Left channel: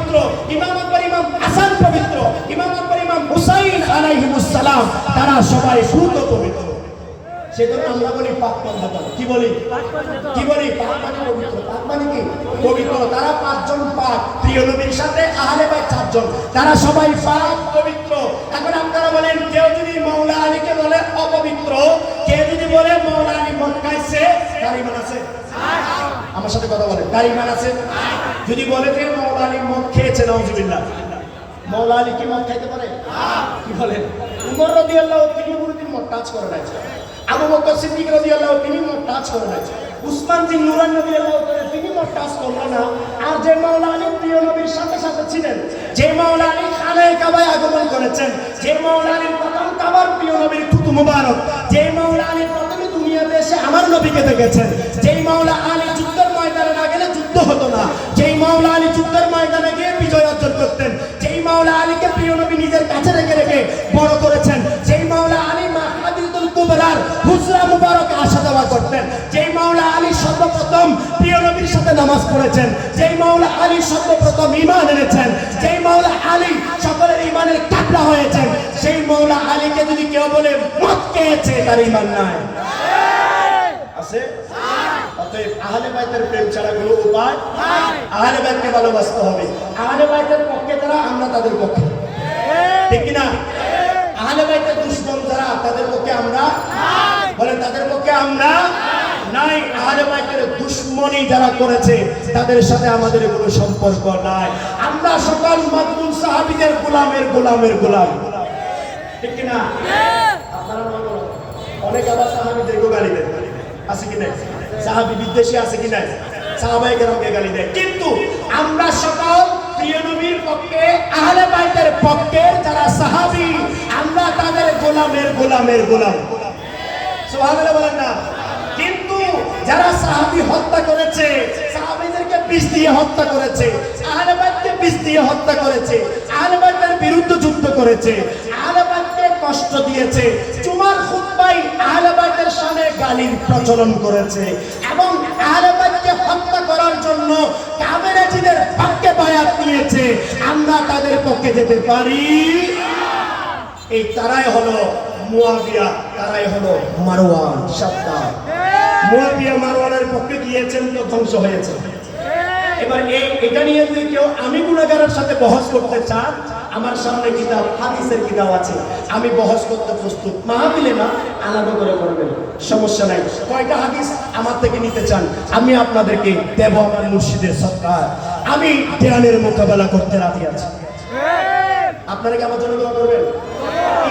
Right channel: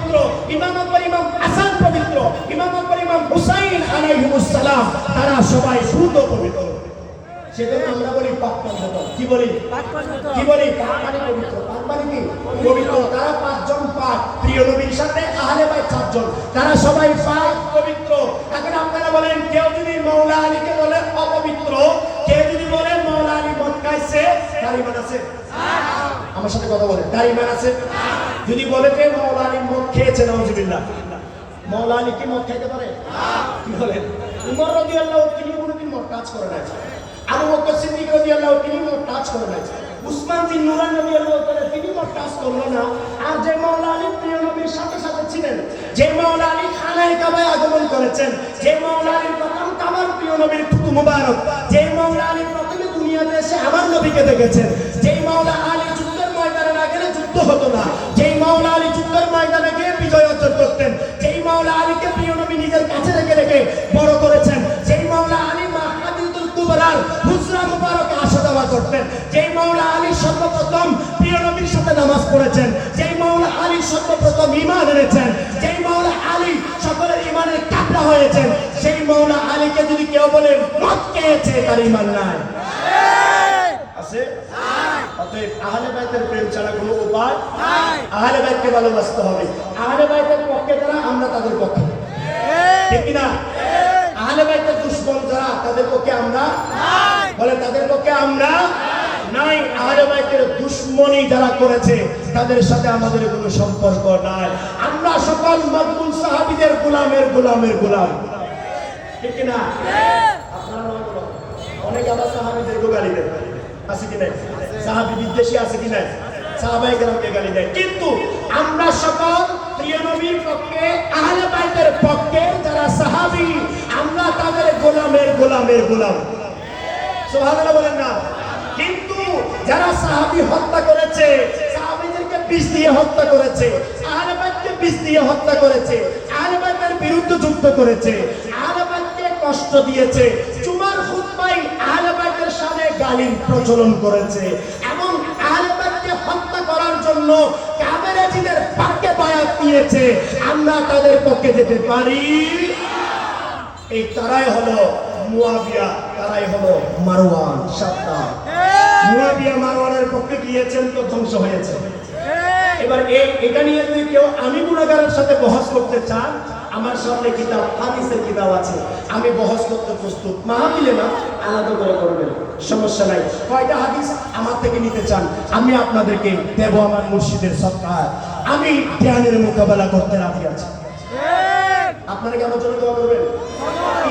পবিত্র, ইমামের পর ইমাম হাসান পবিত্র, ইমামের পর ইমাম হুসাইন আলাইহিস সালাম, তারা সবাই শুদ্ধ পবিত্র। সেজন্য আমরা বলি পাক পবিত্র। কি বলি? কি বলি? পাক মানে পবিত্র। পাক মানে কি? পবিত্র। তারা পাঁচজন পাক, প্রিয় নবীর সাথে আহলে বাইত চারজন, তারা সবাই পাক পবিত্র। এখন আপনারা বলেন, কেউ যদি মাওলা আলীকে বলে অপবিত্র, কেউ যদি বলে মাওলা আলী মদ খাইছে, তার ঈমান আছে? আমার সাথে কথা বলে, তার ঈমান আছে? যদি বলে যে মাওলা আলী মদ খেয়েছে, নাউজুবিল্লাহ, মাওলা আলী কি মদ খাইতে পারে? কি বলেন? উমর রাদিয়াল্লাহু তিনি কোনদিন মদ টাচ করে নাই। আবু বকর সিদ্দিক রাদিয়াল্লাহু তিনি মদ টাচ করে নাই। উসমান বিন নুরান রাদিয়াল্লাহু তাআলা তিনি মদ টাচ করলেন না। আর যে মাওলা আলী প্রিয় নবীর সাথে সাথে ছিলেন, যে মাওলা আলী খানায়ে কাবায় আগমন করেছেন, যে মাওলা আলী প্রথম কাবার প্রিয় নবীর থুতু মুবারক, যে মাওলা আলী প্রথমে দুনিয়াতে এসে আমার নবীকে দেখেছেন, যে মাওলা আলী যুদ্ধের ময়দানে না গেলে যুদ্ধ হতো না, যে মাওলা আলী যুদ্ধের ময়দানে গিয়ে বিজয় অর্জন করতেন, যেই মাওলা আলীকে প্রিয় নবী নিজের কাছে রেখে রেখে বড় করেছেন, যেই মাওলা আলী মাহফিলুল কুবরার হুজরা মুবারকে আসা যাওয়া করতেন, যেই মাওলা আলী সর্বপ্রথম প্রিয় নবীর সাথে নামাজ পড়েছেন, যেই মাওলা আলী সর্বপ্রথম ঈমান এনেছেন, যেই মাওলা আলী সকলের ঈমানের কাবলা হয়েছেন, সেই মাওলা আলীকে যদি কেউ বলে মদ খেয়েছে, তার ঈমান নাই। আছে? অতএব আহলে বাইতের প্রেম ছাড়া কোনো উপায় নাই। আহলে বাইতকে ভালোবাসতে হবে। আহলে বাইতের পক্ষে যারা, আমরা তাদের পক্ষে, ঠিক কি না? আহলে বাইতের দুশমন যারা, তাদের পক্ষে আমরা নাই। বলেন, তাদের পক্ষে আমরা নাই। আহলে বাইতের দুশমনি যারা করেছে, তাদের সাথে আমাদের কোনো সম্পর্ক নাই। আমরা সকল মাকবুল সাহাবীদের গোলামের গোলামের গোলাম, ঠিক কি না? আপনারা অনেক আবার সাহাবীদেরকে গালি দেন, আছে কি নাই? সাহাবী বিদ্বেষী আছে কি নাই? সাহাবায়ে কেরামকে গালি দেয়। কিন্তু আমরা সকল প্রিয় নবীর পক্ষে, আহলে বাইতের পক্ষে যারা সাহাবী, আমরা তাদের গোলামের গোলামের গোলাম। সুবহানাল্লাহ বলেন না? কিন্তু যারা সাহাবী হত্যা করেছে, সাহাবীদেরকে বিষ দিয়ে হত্যা করেছে, আহলে বাইতকে বিষ দিয়ে হত্যা করেছে, আহলে বাইতের বিরুদ্ধে যুদ্ধ করেছে, আহলে বাইতকে কষ্ট দিয়েছে, জুমার খুতবায় আহলে বাইতের শানে গালির প্রচলন করেছে, এবং আহলে বাইতকে হত্যা করার জন্য কাফেরদের পক্ষে বায়াত দিয়েছে, আমরা তাদের পক্ষে যেতে পারি? এই তারাই হলো মুয়াবিয়া, তারাই হলো মারওয়ান। সাবধান, মুয়াবিয়া মারওয়ানের পক্ষে গিয়েছেন তো ধ্বংস হয়েছে। এবার এটা নিয়ে যদি কেউ আমি গুনাহগারের সাথে বহস করতে চান, আমার সামনে কিতাব, হাদিসের কিতাব আছে, আমি বহস করতে প্রস্তুত। মাহফিলে না, আলাদা করে করবেন, সমস্যা নাই। কয়টা হাদিস আমার থেকে নিতে চান, আমি আপনাদেরকে দেব আমার মুর্শিদের সৎকার। আমি ধ্যানের মোকাবেলা করতে রাজি আছি। আপনারা কি আমার জন্য দোয়া করবেন?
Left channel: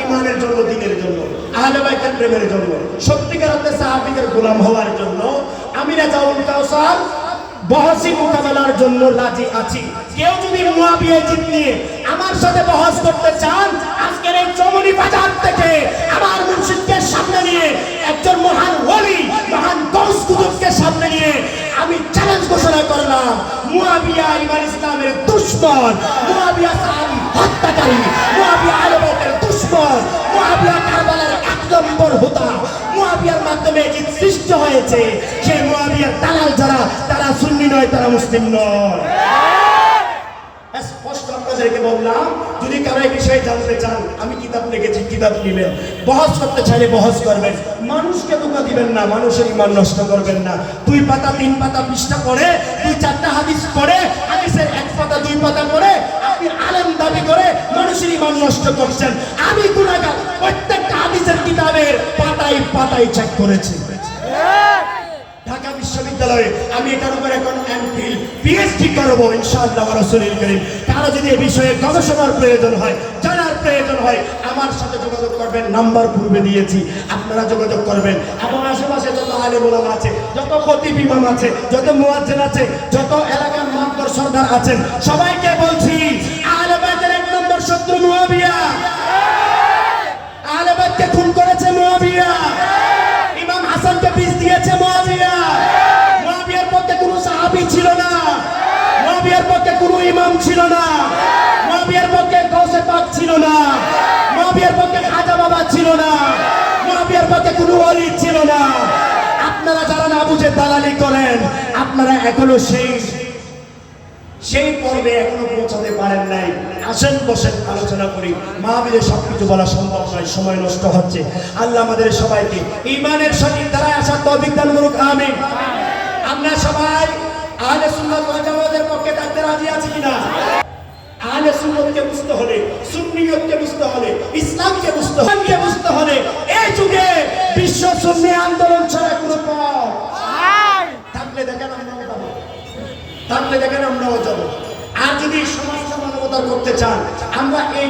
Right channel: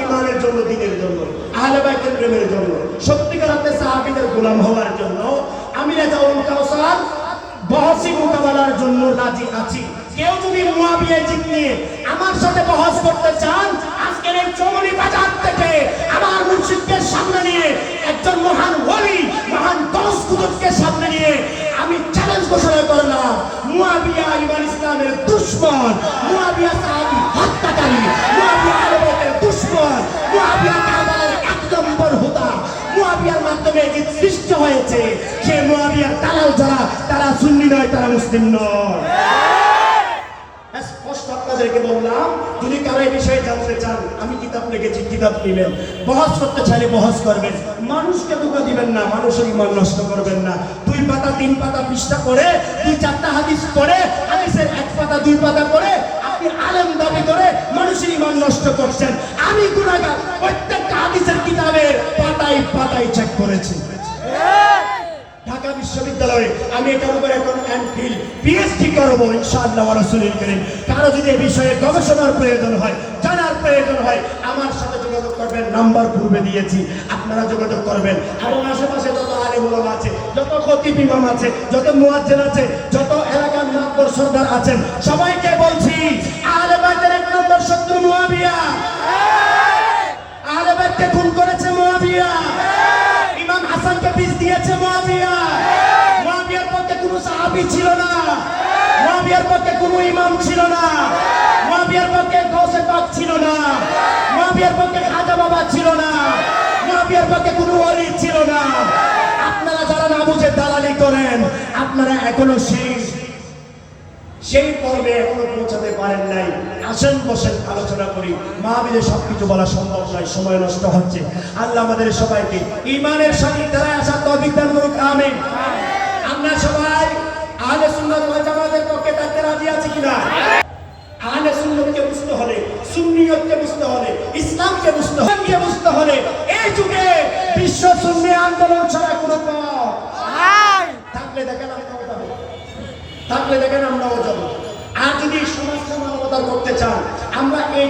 ঈমানের জন্য, দ্বীনের জন্য, আহলে বাইতের প্রেমের জন্য, সত্যিকার অর্থে সাহাবীদের গোলাম হওয়ার জন্য, আমি রাজাউল কাউসার বহসি মোকাবেলার জন্য রাজি আছি। কেউ যদি মুয়াবিয়া জিত নিয়ে আমার সাথে বহস করতে চান, আজকের এই চমনি বাজার থেকে আমার মুর্শিদকে সামনে নিয়ে, একজন মহান ওলি, মহান গৌস কুতুবকে সামনে নিয়ে আমি চ্যালেঞ্জ ঘোষণা করলাম, মুয়াবিয়া ইমাম ইসলামের দুশমন, মুয়াবিয়া সাহাবী হত্যাকারী, মুয়াবিয়া আহলে বাইতের দুশমন, মুয়াবিয়া কারবালার এক নম্বর হোতা, মুয়াবিয়ার মাধ্যমে যে সৃষ্টি হয়েছে, সেই মুয়াবিয়ার দালাল যারা, তারা সুন্নি নয়, তারা মুসলিম নয়। স্পষ্ট আপনাদেরকে বললাম, যদি কারো এই বিষয়ে জানতে চান, আমি কিতাব লিখেছি, কিতাব নিবেন, বহস করতে চাইলে বহস করবেন, মানুষকে ধোঁকা দিবেন না, মানুষের ঈমান নষ্ট করবেন না। 2 পাতা 3 পাতা পৃষ্ঠা পড়ে, 2-4টা হাদিস পড়ে, হাদিসের 1 পাতা 2 পাতা পড়ে আপনি আলেম দাবি করে মানুষের ঈমান নষ্ট করছেন। আমি গুনাহগার, প্রত্যেকটা হাদিসের কিতাবের পাতায় পাতায় চেক করেছি। ঢাকা বিশ্ববিদ্যালয়ে আমি এটার উপরে এখন এমফিল, পিএইচডি করব ইনশাআল্লাহ রাসূলুল কারীম। কারো যদি এই বিষয়ে গবেষণার প্রয়োজন হয়, জানার প্রয়োজন হয়, আমার সাথে যোগাযোগ করবেন, নাম্বার পূর্বে দিয়েছি, আপনারা যোগাযোগ করবেন। এবং আশেপাশে যত আলেম ওলামা আছে, যত খতিব ইমাম আছে, যত মুয়াজ্জিন আছে, যত এলাকার মাতবর সরদার আছেন, সবাইকে বলছি, আহলে বাইতের 1 নম্বর শত্রু মুয়াবিয়া। আহলে বাইতকে খুন করেছে মুয়াবিয়া, ইমাম হাসানকে বিষ দিয়েছে মুয়াবিয়া। মুয়াবিয়ার পক্ষে কোনো সাহাবী ছিল না, মুয়াবিয়ার পক্ষে কোনো ইমাম ছিল না, মুয়াবিয়ার পক্ষে গৌসে পাক ছিল না, মুয়াবিয়ার পক্ষে খাজা বাবা ছিল না, মুয়াবিয়ার পক্ষে কোনো ওলি ছিল না। আপনারা যারা না বুঝে দালালি করেন, আপনারা এখনো সেই পর্বে এখনো পৌঁছাতে পারেন নাই, আসেন বসেন আলোচনা করি। মাহফিলে সবকিছু বলা সম্ভব নয়, সময় নষ্ট হচ্ছে। আল্লাহ আমাদের সবাইকে ঈমানের সহিত দ্বারা আসার তৌফিক দান করুক, আমিন। আমরা সবাই আহলে সুন্নাত ওয়াল জামাতের পক্ষে থাকতে রাজি আছি কিনা? আহলে সুন্নাতকে বুঝতে হলে, সুন্নিয়তকে বুঝতে হলে, ইসলামকে বুঝতে হলে এই যুগে বিশ্ব সুন্নি আন্দোলন ছাড়া কোনো পথ থাকলে দেখেন আমরাও যাবো, থাকলে দেখেন আমরাও যাবো। আর যদি সমাজ সমানতা করতে চান, আমরা এই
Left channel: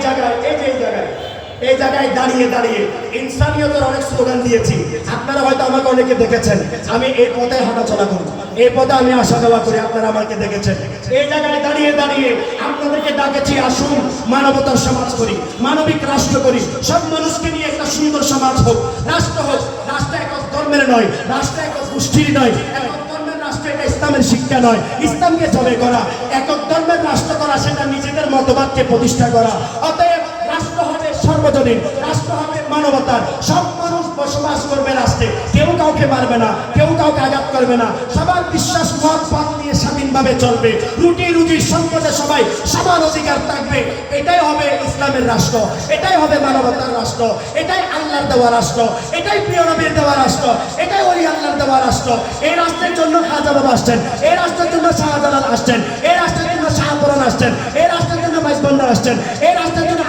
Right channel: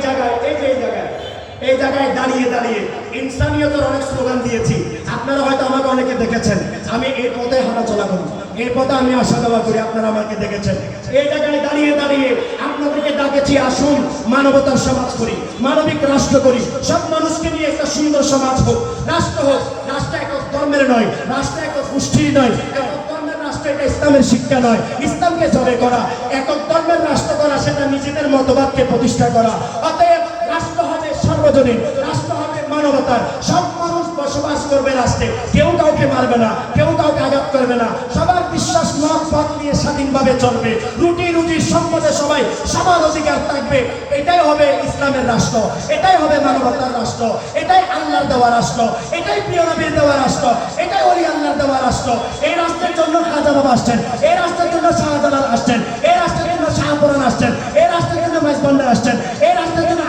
জায়গায় দাঁড়িয়ে ইনসানিয়তের অনেক স্লোগান দিয়েছি। আপনারা হয়তো আমাকে অনেকে দেখেছেন, আমি এই পথে হাঁটাচলা করি, এই পথে আমি আসা যাওয়া করি, আপনারা আমাকে দেখেছেন। এই জায়গায় দাঁড়িয়ে আপনাদেরকে ডাকেছি, আসুন মানবতার সমাজ করি, মানবিক রাষ্ট্র করি, সব মানুষকে নিয়ে একটা সুন্দর সমাজ হোক, রাষ্ট্র হোক। রাষ্ট্র একক ধর্মের নয়, রাষ্ট্র একক গোষ্ঠীর নয়, একক ধর্মের রাষ্ট্র এটা ইসলামের শিক্ষা নয়। ইসলামকে জয় করা, একক ধর্মের রাষ্ট্র করা সেটা নিজেদের মতবাদকে প্রতিষ্ঠা করা। অতএব রাষ্ট্র হবে সর্বজনীন, রাষ্ট্র হবে মানবতার। সব মানুষ বসবাস করবে রাষ্ট্রে, কেউ কাউকে মারবে না, কেউ কাউকে আঘাত করবে না, সবার বিশ্বাস মত পথ নিয়ে স্বাধীনভাবে চলবে। রুটি সম্পদে সবাই সমান অধিকার থাকবে। এটাই হবে ইসলামের রাষ্ট্র, এটাই হবে মানবতার রাষ্ট্র, এটাই আল্লাহর দেওয়া রাষ্ট্র, এটাই প্রিয় নবীর দেওয়া রাষ্ট্র, এটাই ওলি আল্লাহর দেওয়া রাষ্ট্র। এই রাষ্ট্রের জন্য খাজা বাবা আসছেন, এই রাষ্ট্রের জন্য শাহজালাল আসছেন, এই রাষ্ট্রের জন্য শাহপুরান আসছেন, এই রাষ্ট্রের জন্য মাইজবান্ডার আসছেন, এই রাষ্ট্রের জন্য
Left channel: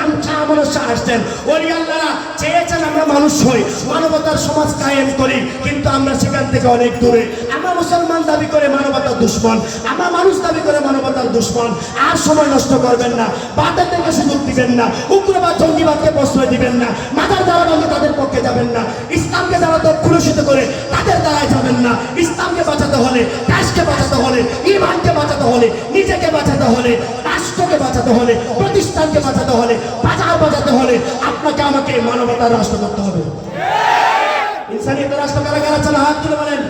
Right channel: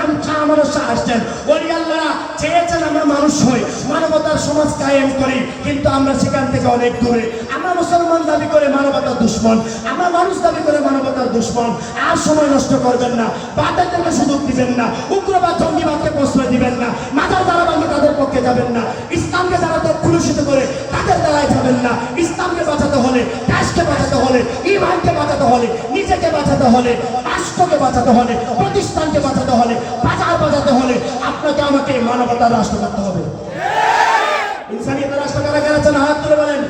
শাহ আসছেন। ওলি আল্লাহরা চেয়েছেন আমরা মানুষ হই, মানবতার সমাজ কায়েম করি, কিন্তু আমরা সেখান থেকে অনেক দূরে। আমরা মুসলমান দাবি করে মানবতার দুশ্মন, আমরা মানুষ দাবি করে মানবতার দুশ্মন। আর সময় নষ্ট করবেন না, বাদদেরকে সুযোগ দিবেন না, উগ্রবাদ জঙ্গিবাদকে প্রশ্রয় দিবেন না, মাদার দ্বারা ভাঙে তাদের পক্ষে যাবেন না, ইসলামকে যারা কলুষিত করে তাদের দ্বারায় যাবেন না। ইসলামকে বাঁচাতে হলে, দেশকে বাঁচাতে হলে, ঈমানকে বাঁচাতে হলে, নিজেকে বাঁচাতে হলে, রাষ্ট্রকে বাঁচাতে হলে, প্রতিষ্ঠানকে বাঁচাতে হলে, বাজার বাঁচাতে হলে আপনাকে আমাকে মানবতার রাষ্ট্র করতে হবে। ইনসানিয়তের রাষ্ট্র কারা কারা চান হাত তুলে বলেন।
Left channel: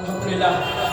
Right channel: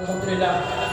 আলহামদুলিল্লাহ।